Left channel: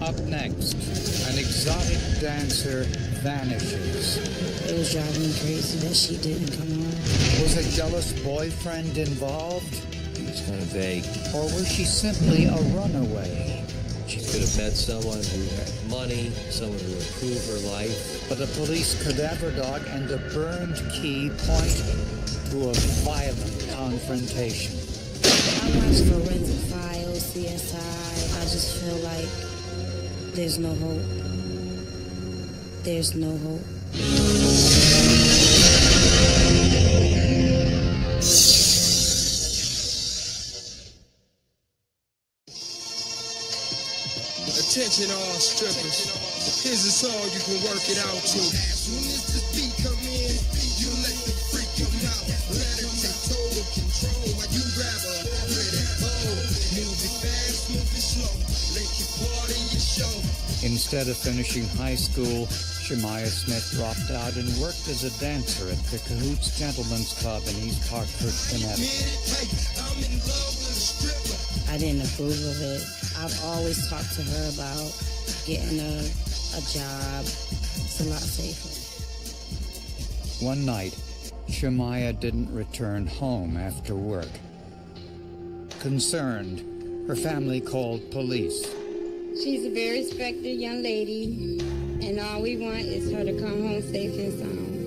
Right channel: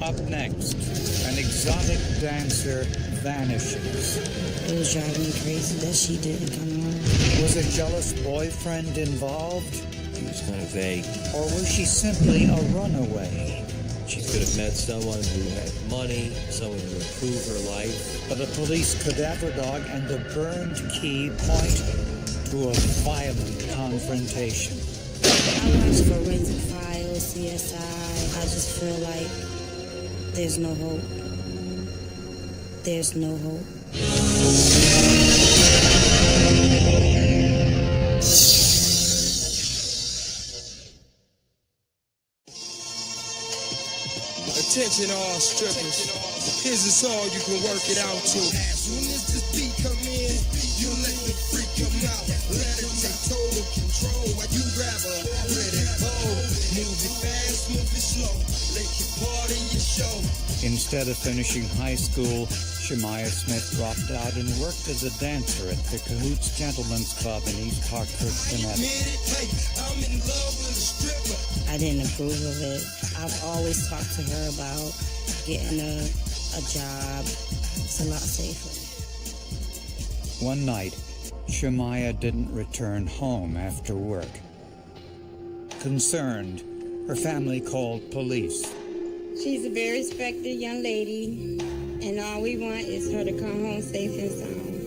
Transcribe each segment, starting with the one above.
Up next, an exotic dancer vanishes. It was driving me crazy that she didn't come home. Was a jealous boyfriend involved? He was kind of vague. Or was she simply a runaway? She could have met someone who had money, someone who improved her life. But a police cadaver dog and a burned key point to a violent confrontation. I watch Forensic Files, CSI. I just feel like there's no hope. There's no hope. Attention all strippers. Here's a song you can work it out to. You need to speak, come in. You need to freak, come out. Let it take total control. Have you grab a let it go. Move it fast, move it slow. Let your body your show. Instead of finishing high school, Shemaya Smith dropped out and worked as a dancer at the Cahoots Gentlemen's Club in East Hartford, Connecticut. I didn't approve of it. I've always talked to her about getting a job. It's a lot safer. One night, Shemaya didn't return home after work. Concerned, her family called police. She's a very respected young lady, and all we want is her to come home safe and sound.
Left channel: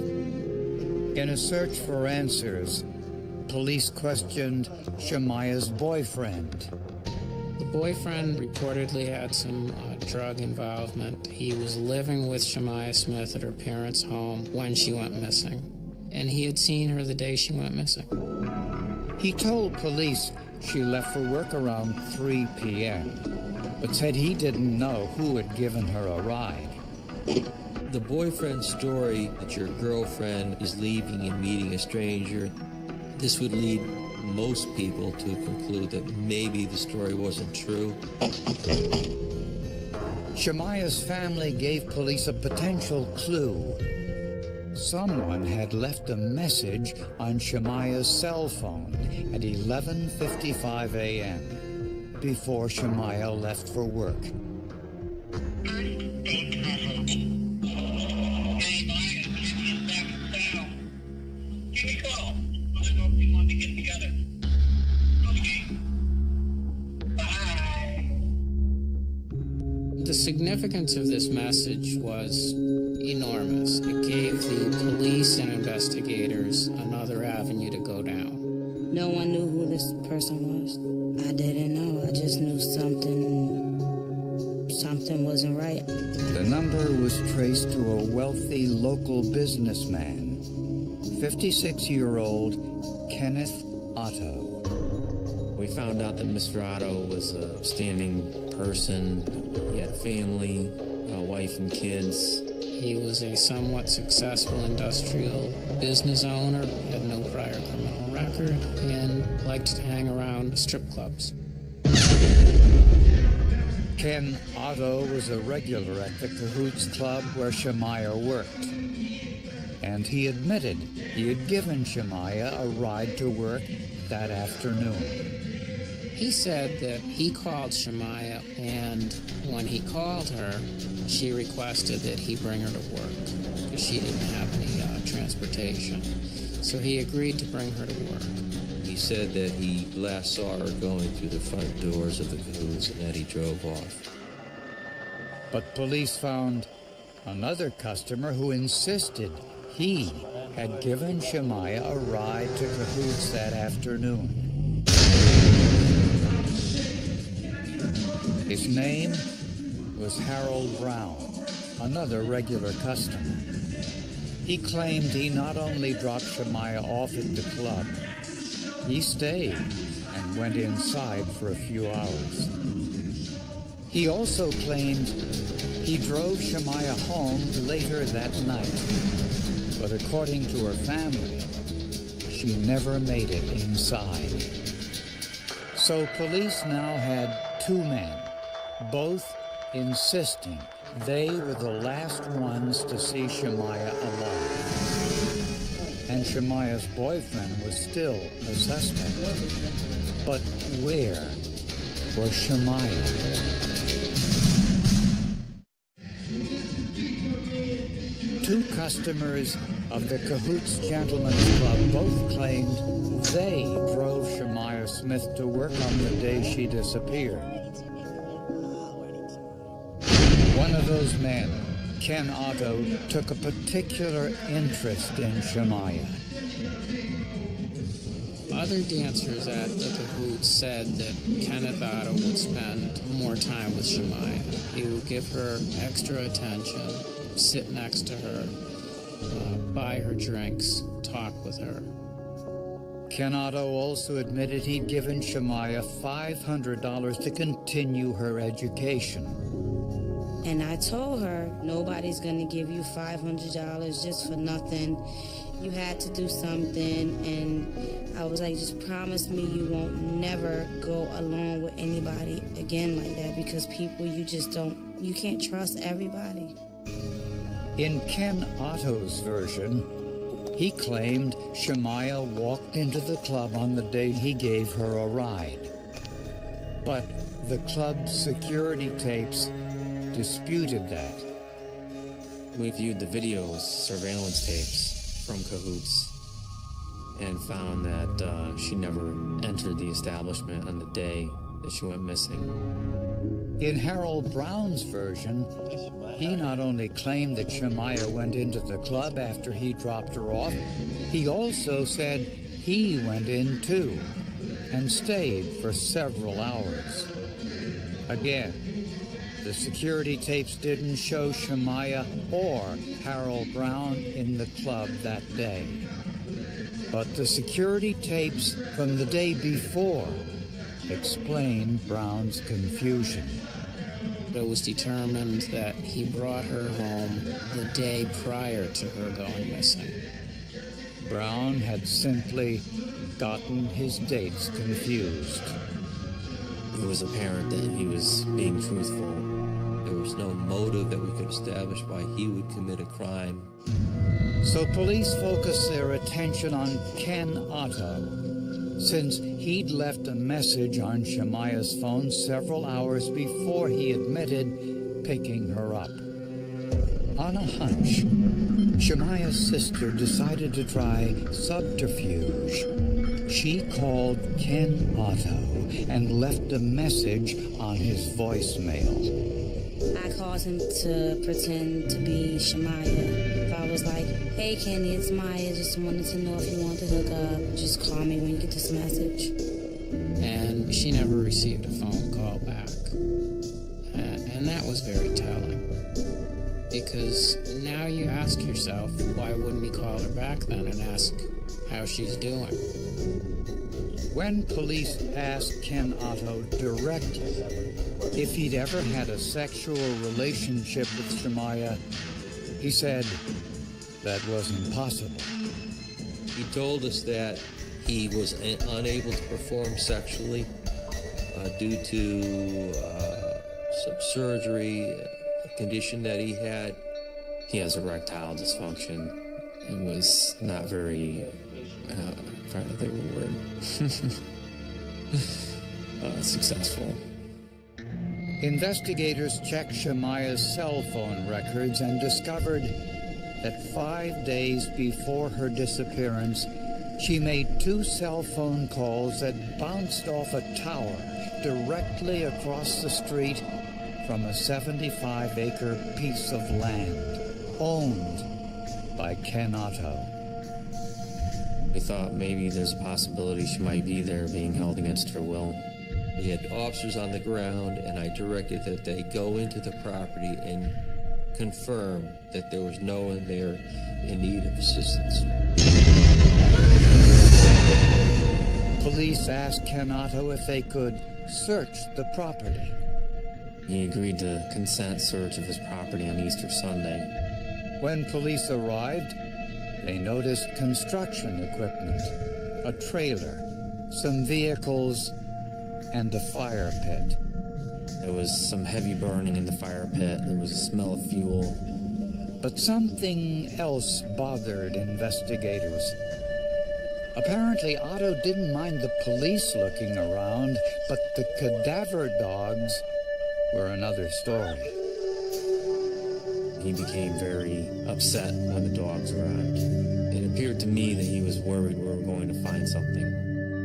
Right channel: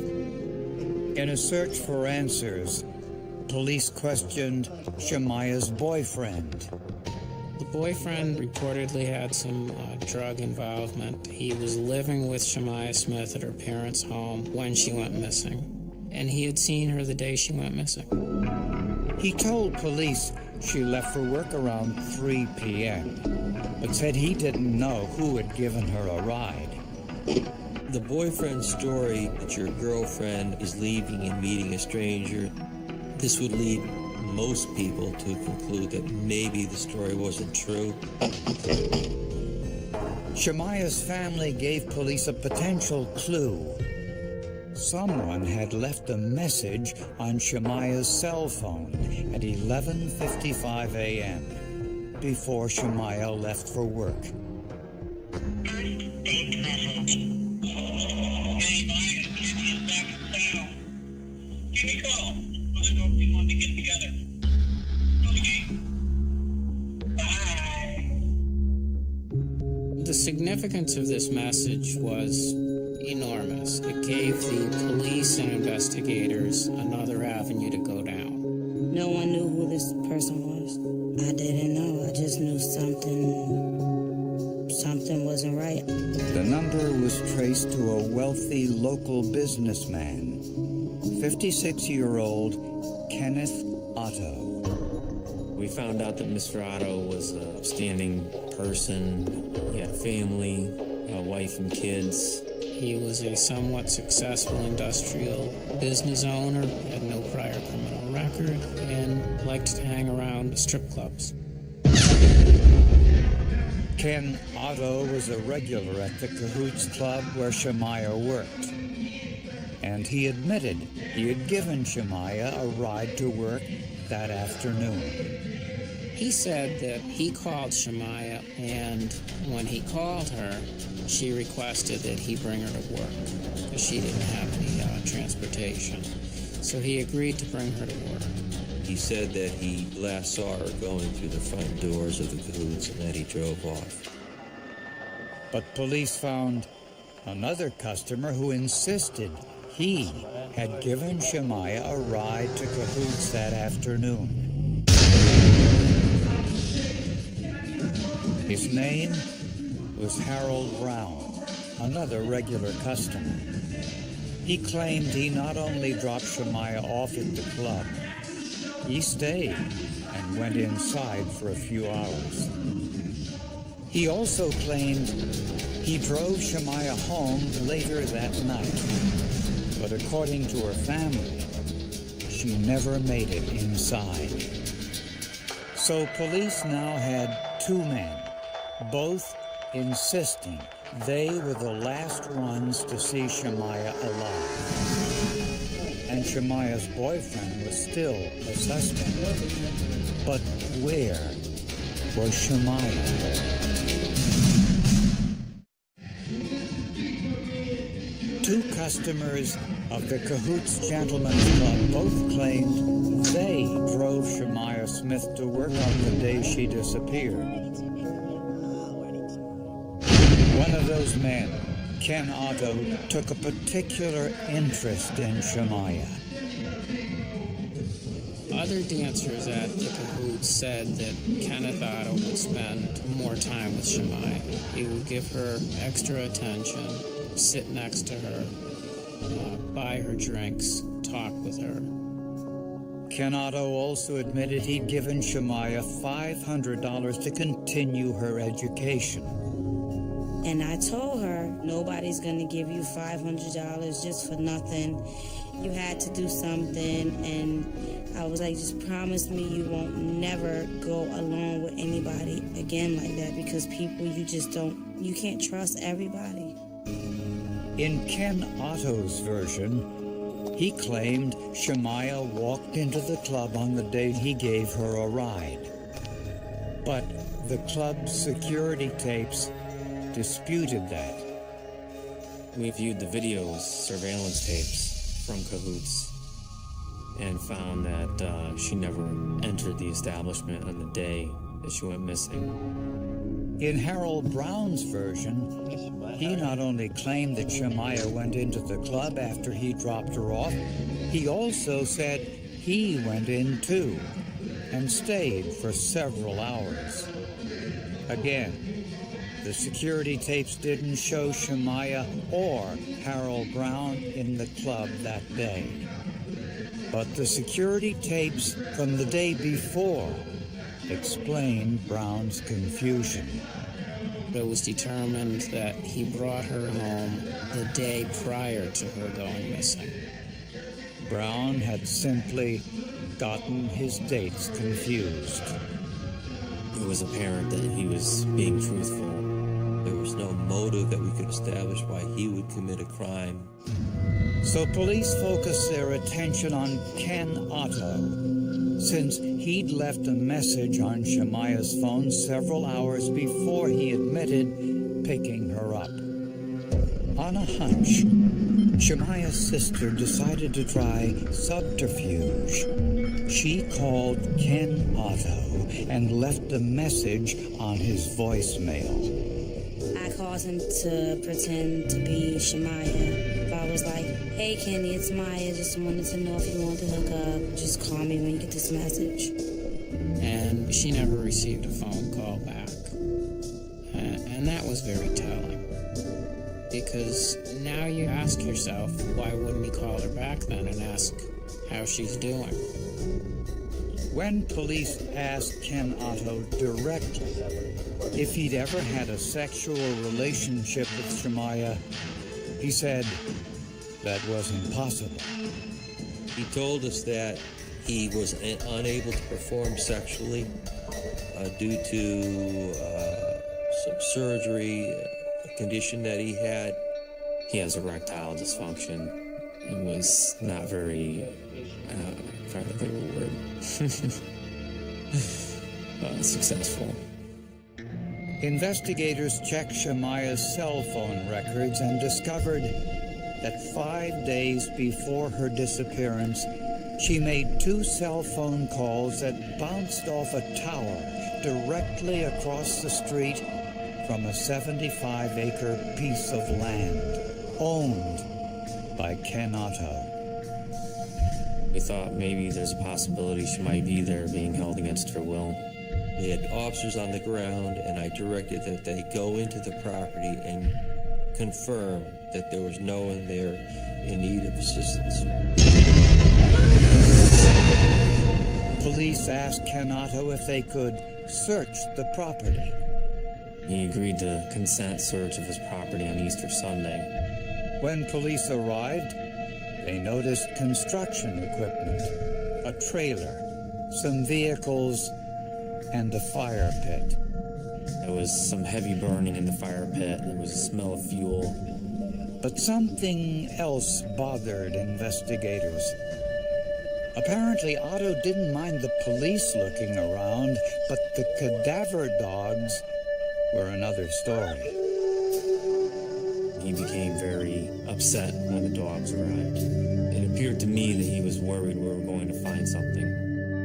In a search for answers, police questioned Shemaya's boyfriend. The boyfriend reportedly had some drug involvement. He was living with Shemaya Smith at her parents' home when she went missing, and he had seen her the day she went missing. He told police she left for work around 3 p.m., but said he didn't know who had given her a ride. The boyfriend's story that your girlfriend is leaving and meeting a stranger, this would lead most people to conclude that maybe the story wasn't true. Shemaya's family gave police a potential clue. Someone had left a message on Shemaya's cell phone at 11:55 a.m. before Shemaya left for work. First saved message. Hey, Maya, Kenny is back in town. Give me a call. Let me know if you want to get together. Okay. Bye. The significance of this message was enormous. It gave the police and investigators another avenue to go down. No one knew who this person was. I didn't know. I just knew something wasn't right. The number was traced to a wealthy local businessman, 56-year-old Kenneth Otto. We found out that Mr. Otto was an upstanding person. He had a family, a wife and kids. He was a somewhat successful industrial business owner, had no prior criminal record, and liked to hang around strip clubs. Ken Otto was a regular at the Cahoots Club where Shemaya worked. And he admitted he had given Shemaya a ride to work that afternoon. He said that he called Shemaya, and when he called her, she requested that he bring her to work because she didn't have any transportation. So he agreed to bring her to work. He said that he last saw her going through the front doors of the Cahoots and that he drove off. But police found another customer who insisted he had given Shemaya a ride to Cahoots that afternoon. His name was Harold Brown, another regular customer. He claimed he not only dropped Shemaya off at the club, he stayed and went inside for a few hours. He also claimed he drove Shemaya home later that night, but according to her family, she never made it inside. So police now had two men, both insisting they were the last ones to see Shemaya alive. And Shemaya's boyfriend was still a suspect. But where was Shemaya? two customers of the Cahoots Gentlemen's Club both claimed they drove Shemaiah Smith to work on the day she disappeared. One of those men, Ken Otto, took a particular interest in Shemaiah. Other dancers at the Cahoots said that Kenneth Otto would spend more time with Shemaiah. He would give her extra attention, sit next to her, buy her drinks, talk with her. Ken Otto also admitted he'd given Shemaiah $500 to continue her education. And I told her, nobody's going to give you $500 just for nothing. You had to do something. And I was like, just promise me you won't never go along with anybody again like that, because people, you can't trust everybody. In Ken Otto's version, he claimed Shemaiah walked into the club on the day he gave her a ride. But the club's security tapes disputed that. We viewed the videos, surveillance tapes from Cahoots, and found that she never entered the establishment on the day that she went missing. In Harold Brown's version, he not only claimed that Shemaiah went into the club after he dropped her off, he also said he went in too and stayed for several hours. Again, the security tapes didn't show Shemaiah or Harold Brown in the club that day. But the security tapes from the day before explained Brown's confusion. It was determined that he brought her home the day prior to her going missing. Brown had simply gotten his dates confused. It was apparent that he was being truthful. There was no motive that we could establish why he would commit a crime. So police focused their attention on Ken Otto, since he'd left a message on Shemaiah's phone several hours before he admitted picking her up. On a hunch, Shemaiah's sister decided to try subterfuge. She called Ken Otto and left a message on his voicemail. I called him to pretend to be Shemaiah. I was like, hey, Kenny, it's Maya. Just wanted to know if you want to hook up. Just call me when you get this message. And she never received a phone call back. And that was very telling. Because now you ask yourself, why wouldn't he call her back then and ask how she's doing? When police asked Ken Otto directly if he'd ever had a sexual relationship with Shemaiah, he said that wasn't possible. He told us that he was unable to perform sexually due to some surgery, a condition that he had. He has erectile dysfunction. It was not very, I'm trying to think of a word, successful. Investigators checked Shemaiah's cell phone records and discovered that 5 days before her disappearance, she made 2 cell phone calls that bounced off a tower directly across the street from a 75-acre piece of land owned by Ken Otto. We thought maybe there's a possibility she might be there being held against her will. We had officers on the ground, and I directed that they go into the property and confirm that there was no one there in need of assistance. Police asked Ken Otto if they could search the property. He agreed to consent search of his property on Easter Sunday. When police arrived, they noticed construction equipment, a trailer, some vehicles, and a fire pit. There was some heavy burning in the fire pit. There was a smell of fuel. But something else bothered investigators. Apparently, Otto didn't mind the police looking around, but the cadaver dogs were another story. He became very upset when the dogs arrived. It appeared to me that he was worried we were going to find something.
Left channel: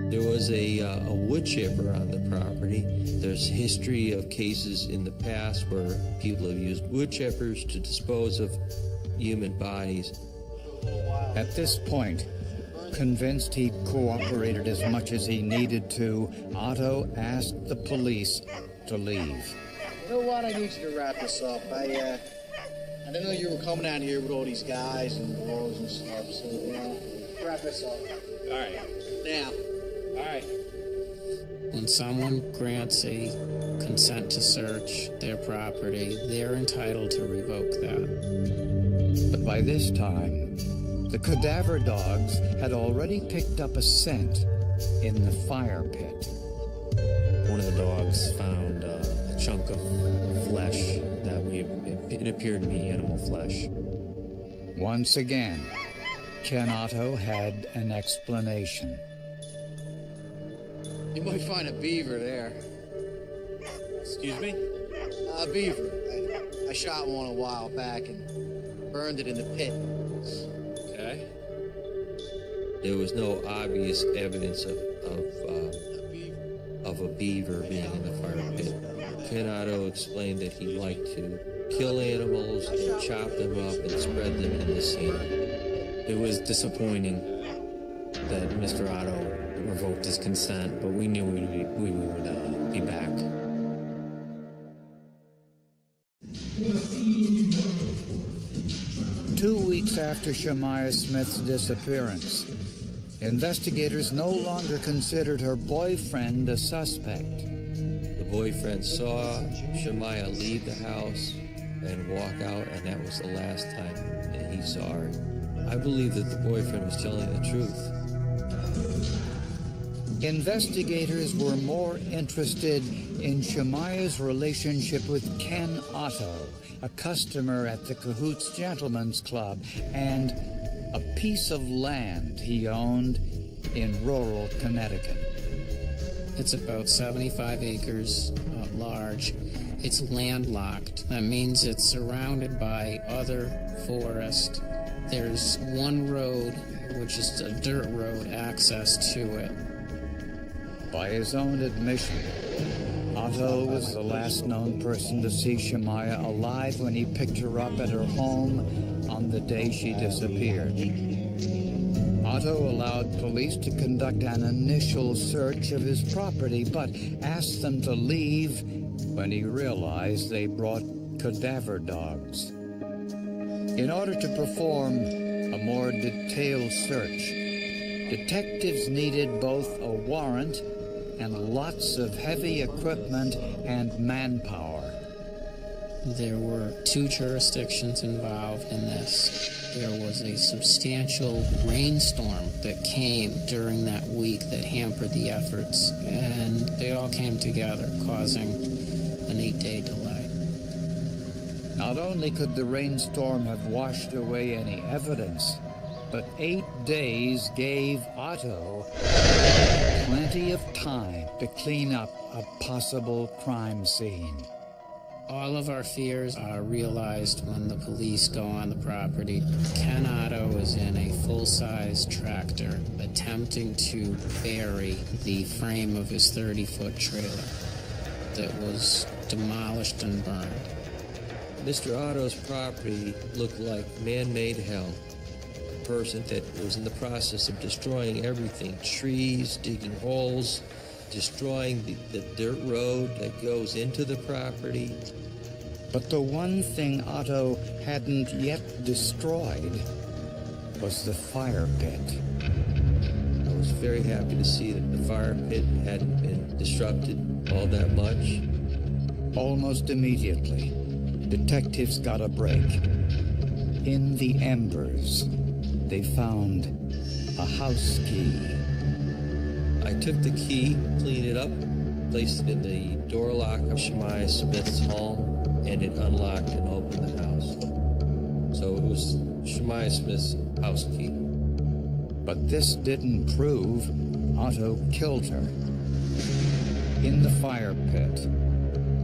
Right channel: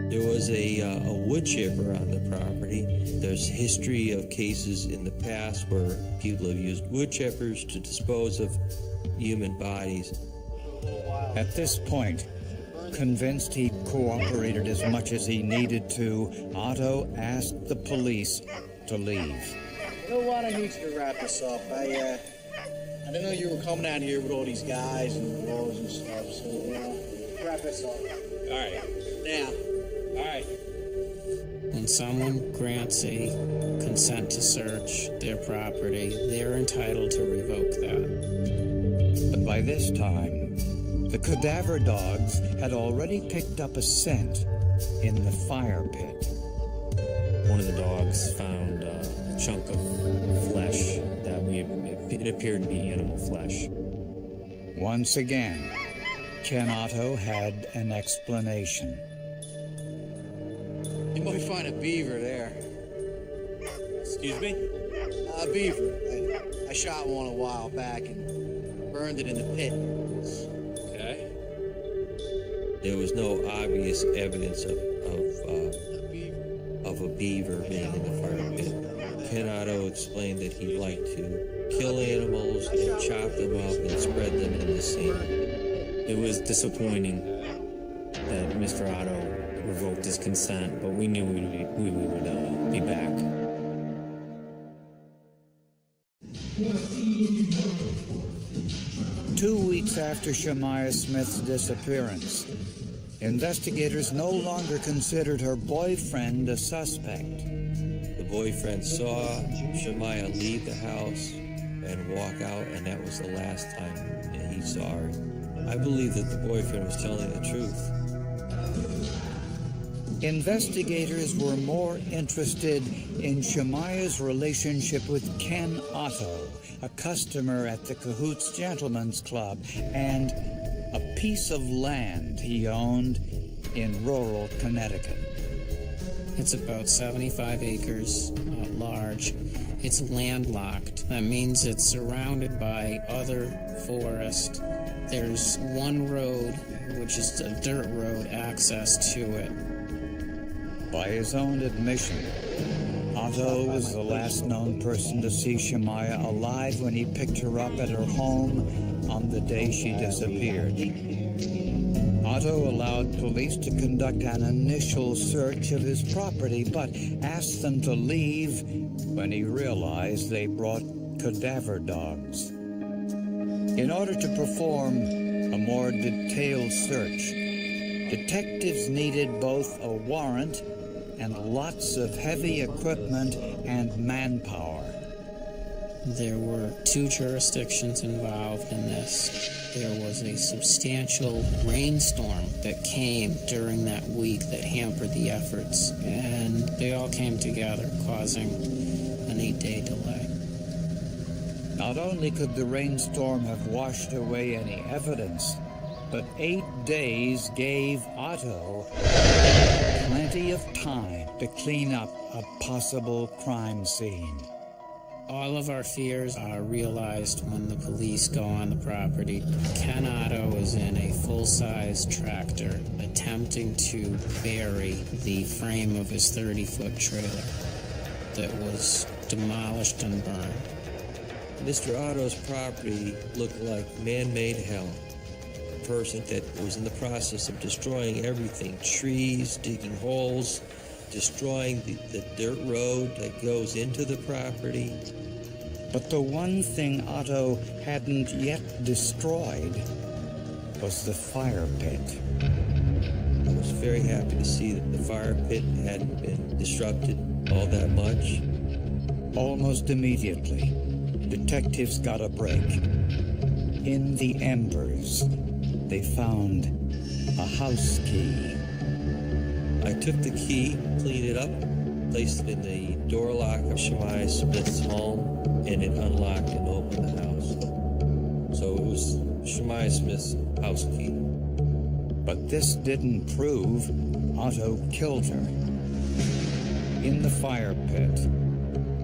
There was a wood chipper on the property. There's history of cases in the past where people have used wood chippers to dispose of human bodies. At this point, convinced he'd cooperated as much as he needed to, Otto asked the police to leave. You know what? I need you to wrap this up. I didn't know you were coming out here with all these guys and dogs and stuff, so wrap this up. All right. Now. All right. When someone grants a consent to search their property, they're entitled to revoke that. But by this time, the cadaver dogs had already picked up a scent in the fire pit. One of the dogs found a chunk of flesh that it appeared to be animal flesh. Once again, Ken Otto had an explanation. You might find a beaver there. Excuse me? A beaver. I shot one a while back and burned it in the pit. Okay. There was no obvious evidence of a beaver being in the fire pit. Ken Otto explained that he liked to kill animals and chop them up and spread them in the sand. It was disappointing that Mr. Otto revoked his consent, but we knew we would be back. Two weeks after Shemaiah Smith's disappearance, investigators no longer considered her boyfriend a suspect. The boyfriend saw Shemaiah leave the house and walk out, and that was the last time that he saw her. I believe that the boyfriend was telling the truth. Investigators were more interested in Shemaiah's relationship with Ken Otto, a customer at the Cahoots Gentlemen's Club, and a piece of land he owned in rural Connecticut. It's about 75 acres large. It's landlocked. That means it's surrounded by other forest. There's one road, which is a dirt road, access to it. By his own admission, Otto was the last known person to see Shemaiah alive when he picked her up at her home on the day she disappeared. Otto allowed police to conduct an initial search of his property, but asked them to leave when he realized they brought cadaver dogs. In order to perform a more detailed search, detectives needed both a warrant and lots of heavy equipment and manpower. There were 2 jurisdictions involved in this. There was a substantial rainstorm that came during that week that hampered the efforts, and they all came together, causing an 8-day delay. Not only could the rainstorm have washed away any evidence, but 8 days gave Otto plenty of time to clean up a possible crime scene. All of our fears are realized when the police go on the property. Ken Otto is in a full-size tractor attempting to bury the frame of his 30-foot trailer that was demolished and burned. Mr. Otto's property looked like man-made hell. A person that was in the process of destroying everything, trees, digging holes, destroying the dirt road that goes into the property. But the one thing Otto hadn't yet destroyed was the fire pit. I was very happy to see that the fire pit hadn't been disrupted all that much. Almost immediately, detectives got a break. In the embers, they found a house key. I took the key, cleaned it up, placed it in the door lock of Shemaiah Smith's home, and it unlocked and opened the house. So it was Shemaiah Smith's house key. But this didn't prove Otto killed her. In the fire pit,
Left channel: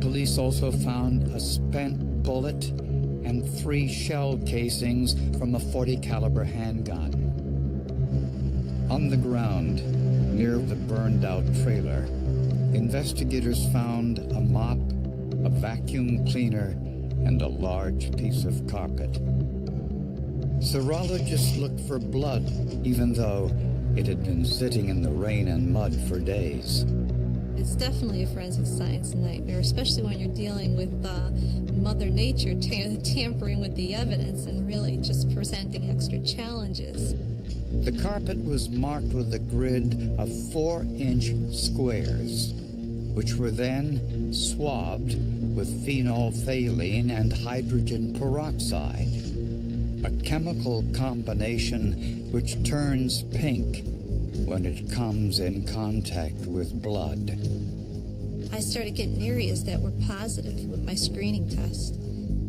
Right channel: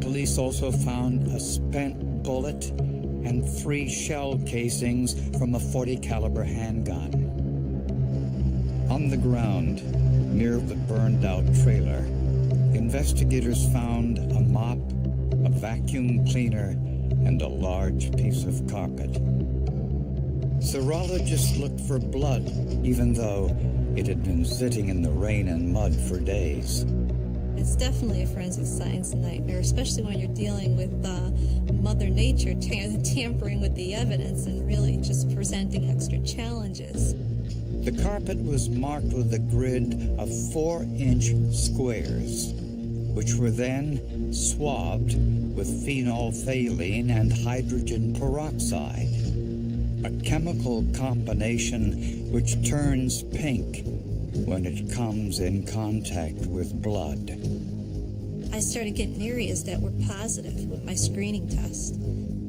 police also found a spent bullet and 3 shell casings from a .40 caliber handgun. On the ground, near the burned-out trailer, investigators found a mop, a vacuum cleaner, and a large piece of carpet. Serologists looked for blood, even though it had been sitting in the rain and mud for days. It's definitely a forensic science nightmare, especially when you're dealing with Mother Nature tampering with the evidence and really just presenting extra challenges. The carpet was marked with a grid of 4-inch squares, which were then swabbed with phenolphthalein and hydrogen peroxide, a chemical combination which turns pink when it comes in contact with blood. I started getting areas that were positive with my screening test.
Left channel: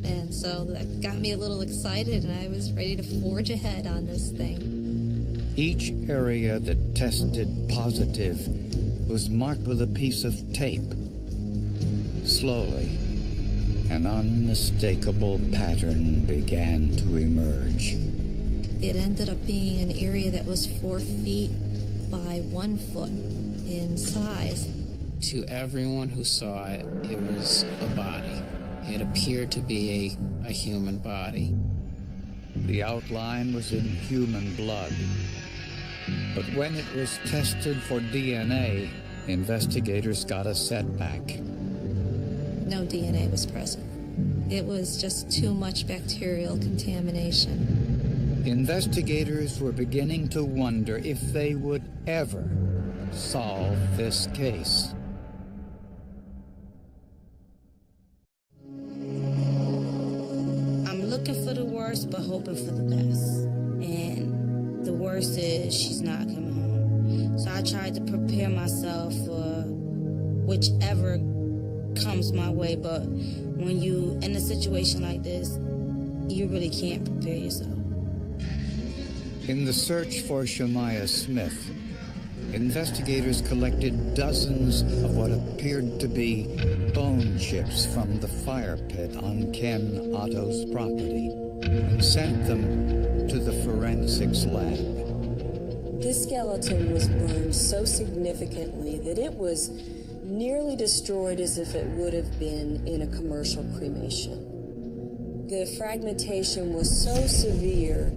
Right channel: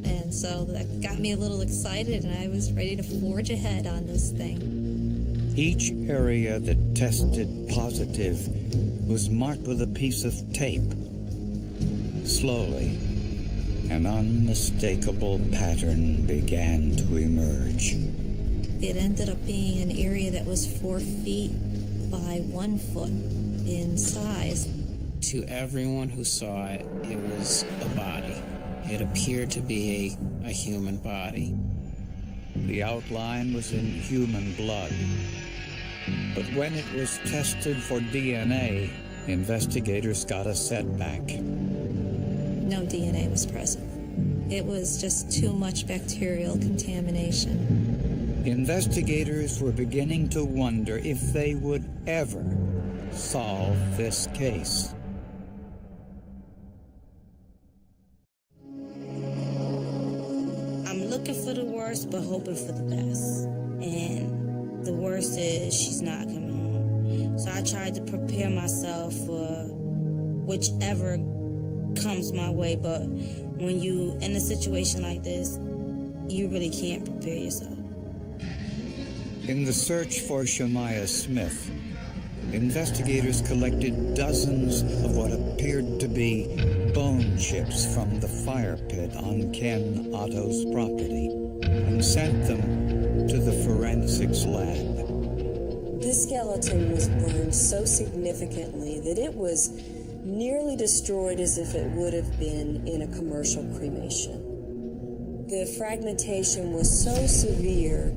And so that got me a little excited, and I was ready to forge ahead on this thing. Each area that tested positive was marked with a piece of tape. Slowly, an unmistakable pattern began to emerge. It ended up being an area that was 4 feet by 1 foot in size. To everyone who saw it, it was a body. It appeared to be a human body. The outline was in human blood. But when it was tested for DNA, investigators got a setback. No DNA was present. It was just too much bacterial contamination. Investigators were beginning to wonder if they would ever solve this case. I'm looking for the worst, but hoping for the best. And the worst is she's not coming home. So I tried to prepare myself for whichever comes my way, but when you in a situation like this, you really can't prepare yourself. In the search for Shemaiah Smith, investigators collected dozens of what appeared to be bone chips from the fire pit on Ken Otto's property and sent them to the forensics lab. This skeleton was burned so significantly that it was nearly destroyed as if it would have been in a commercial cremation. The fragmentation was so severe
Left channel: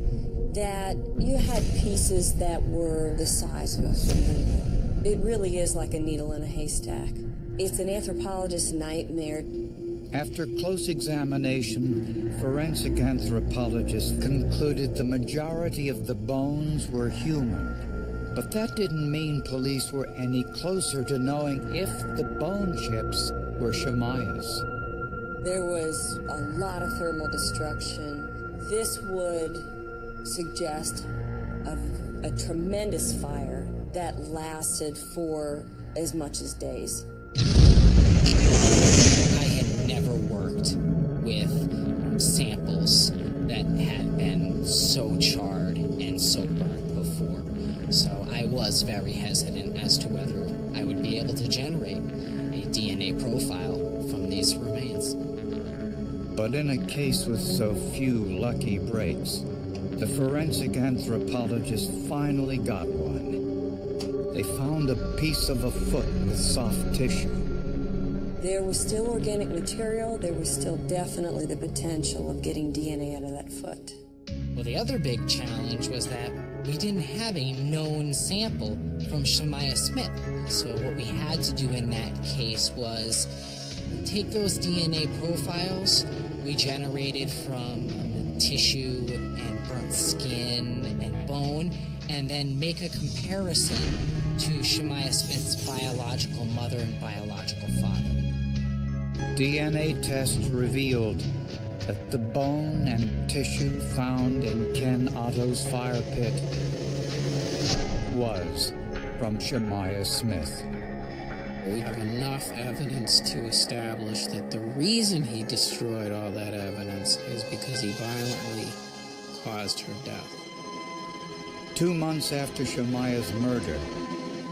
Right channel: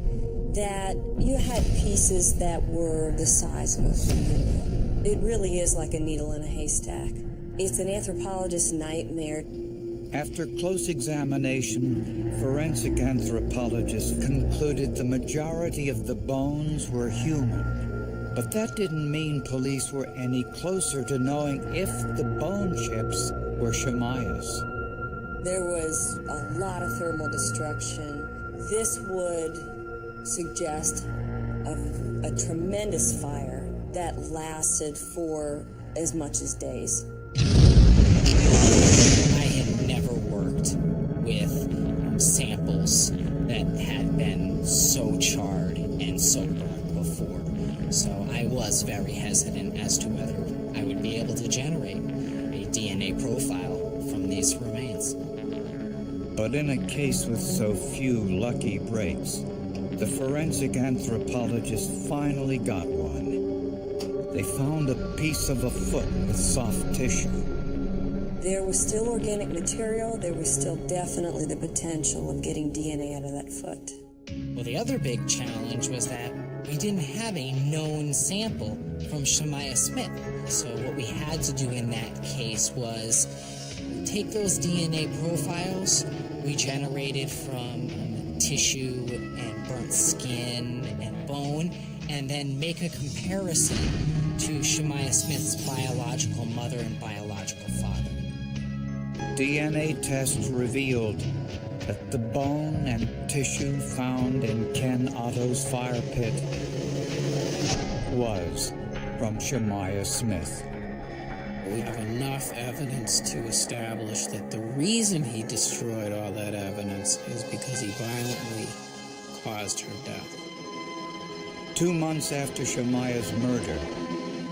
that you had pieces that were the size of a fingernail. It really is like a needle in a haystack. It's an anthropologist's nightmare. After close examination, forensic anthropologists concluded the majority of the bones were human. But that didn't mean police were any closer to knowing if the bone chips were Shemaiah's. There was a lot of thermal destruction. This would suggest a tremendous fire that lasted for as much as days. I had never worked with samples that had been so charred and so burnt before. So I was very hesitant as to whether I would be able to generate a DNA profile from these remains. But in a case with so few lucky breaks, the forensic anthropologists finally got one. They found a piece of a foot with soft tissue. There was still organic material. There was still definitely the potential of getting DNA out of that foot. Well, the other big challenge was that we didn't have a known sample from Shemaiah Smith. So what we had to do in that case was take those DNA profiles we generated from tissue and burnt skin and bone, and then make a comparison to Shemaiah Smith's biological mother and biological father. DNA tests revealed that the bone and tissue found in Ken Otto's fire pit was from Shemaiah Smith. We have enough evidence to establish that the reason he destroyed all that evidence is because he violently caused her death. 2 months after Shemaiah's murder,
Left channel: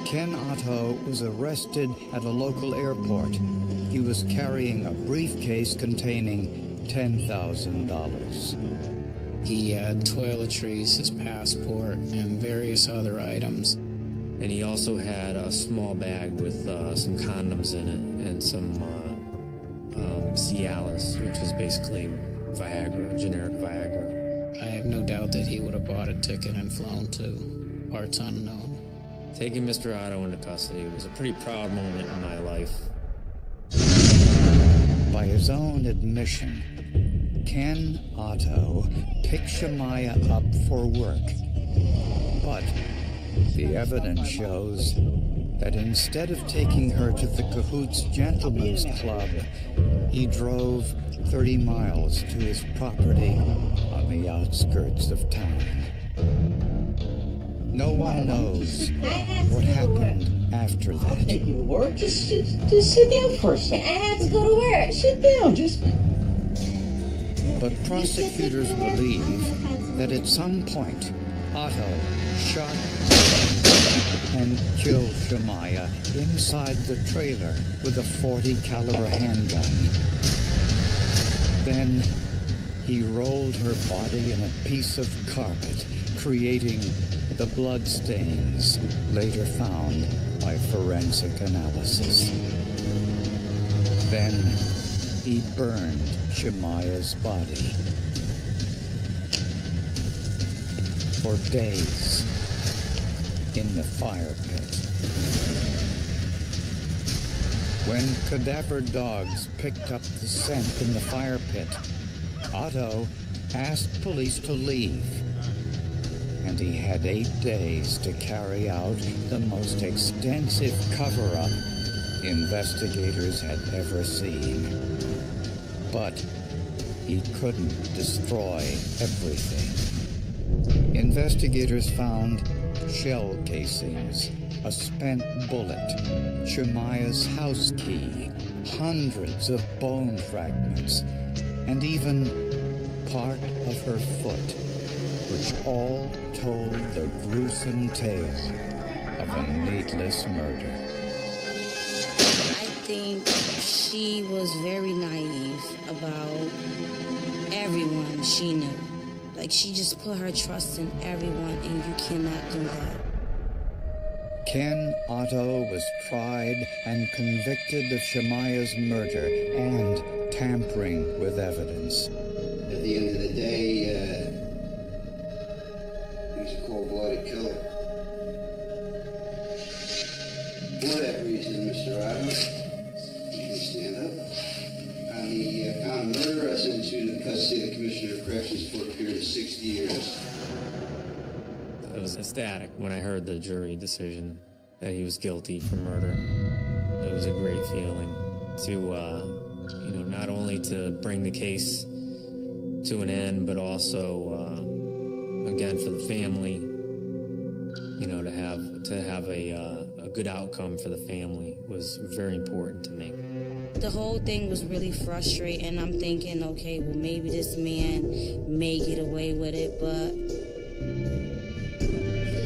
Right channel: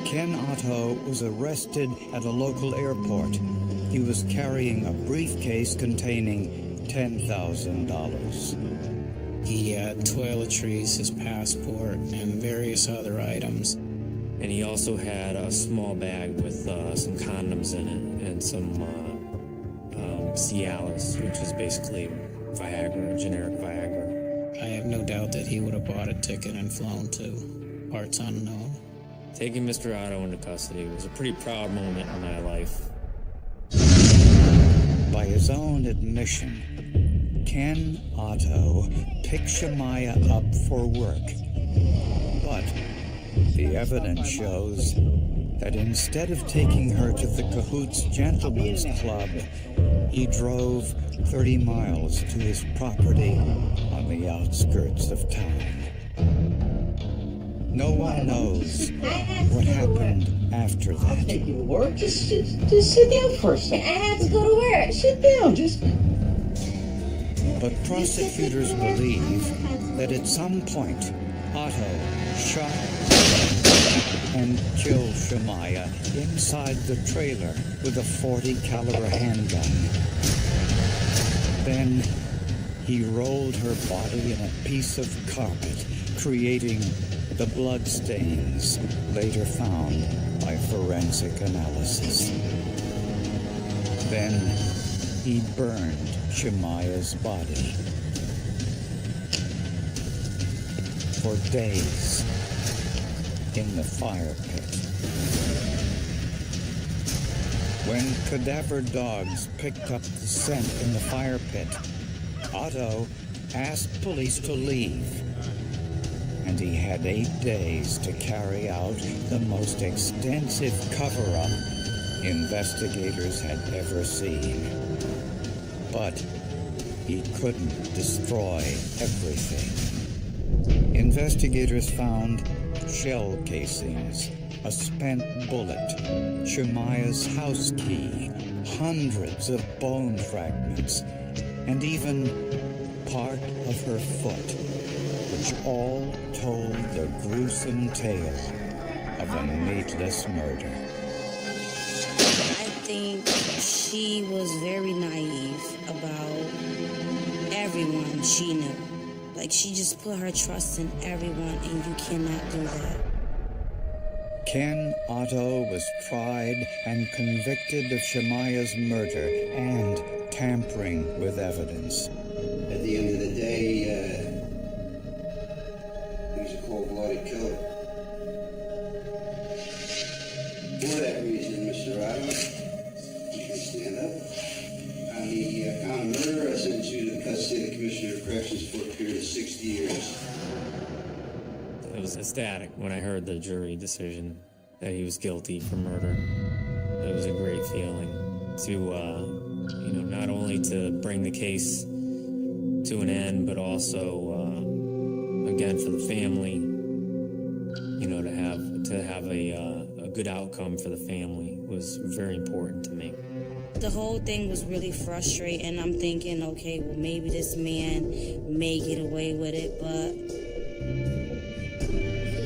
Ken Otto was arrested at a local airport. He was carrying a briefcase containing $10,000. He had toiletries, his passport, and various other items. And he also had a small bag with some condoms in it and some Cialis, which is basically Viagra, generic Viagra. I have no doubt that he would have bought a ticket and flown to parts unknown. Taking Mr. Otto into custody was a pretty proud moment in my life. By his own admission, Ken Otto picked Shemaya up for work. But the evidence shows that instead of taking her to the Cahoots Gentlemen's Club, he drove 30 miles to his property on the outskirts of town. No one knows what happened after that. Just sit down for a second. Sit down. But prosecutors believe that at some point, Otto shot and killed Shemaya inside the trailer with a .40 caliber handgun. Then he rolled her body in a piece of carpet, creating the blood stains later found by forensic analysis. Then he burned Shemaya's body. For days in the fire pit. When cadaver dogs picked up the scent in the fire pit, Otto asked police to leave, and he had 8 days to carry out the most extensive cover-up investigators had ever seen. But he couldn't destroy everything. Investigators found shell casings, a spent bullet, Shemaya's house key, hundreds of bone fragments, and even part of her foot, which all told the gruesome tale of a needless murder. I think she was very naive about everyone she knew. Like, she just put her trust in everyone, and you cannot do that. Ken Otto was tried and convicted of Shemaya's murder and tampering with evidence. At the end of the day, he's a cold-blooded killer. For that reason, Mr. Otto, you can stand up. On the count of murder, I sentence you to the custody of the Commissioner of Corrections for a period of 60 years. I was ecstatic when I heard the jury decision that he was guilty for murder. It was a great feeling to, not only to bring the case to an end, but also, again, for the family, to have a good outcome for the family was very important to me. The whole thing was really frustrating. I'm thinking, okay, well, maybe this man may get away with it, but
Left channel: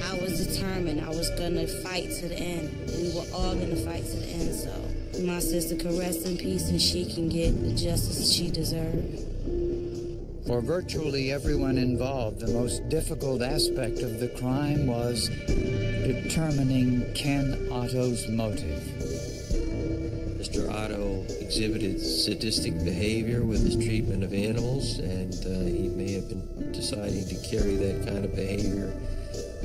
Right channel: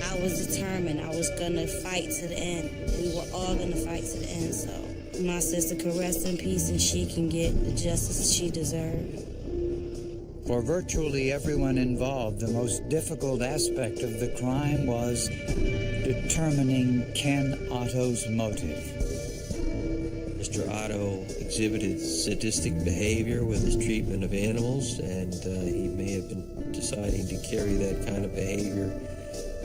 I was determined. I was going to fight to the end. We were all going to fight to the end, so my sister could rest in peace and she can get the justice she deserved. For virtually everyone involved, the most difficult aspect of the crime was determining Ken Otto's motive. Mr. Otto exhibited sadistic behavior with his treatment of animals, and he may have been deciding to carry that kind of behavior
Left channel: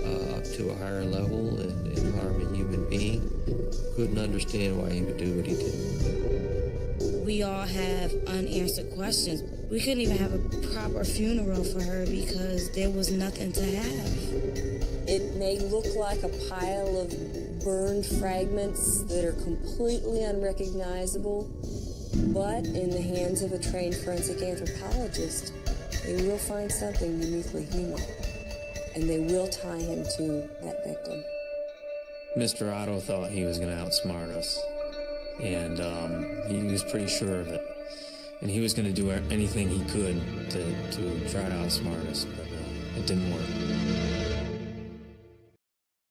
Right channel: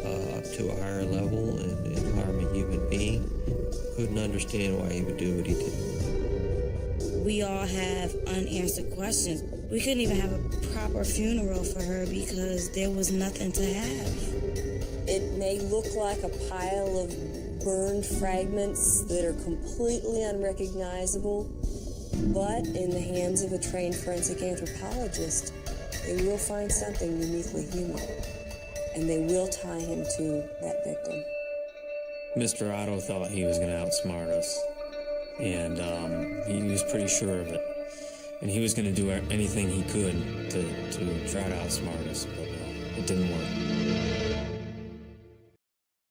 up to a higher level and harm a human being. Couldn't understand why he would do what he did. We all have unanswered questions. We couldn't even have a proper funeral for her because there was nothing to have. It may look like a pile of burned fragments that are completely unrecognizable, but in the hands of a trained forensic anthropologist, they will find something uniquely human, and they will tie him to that victim. Mr. Otto thought he was going to outsmart us, and he was pretty sure of it. And he was going to do anything he could to try to outsmart us, but it didn't work.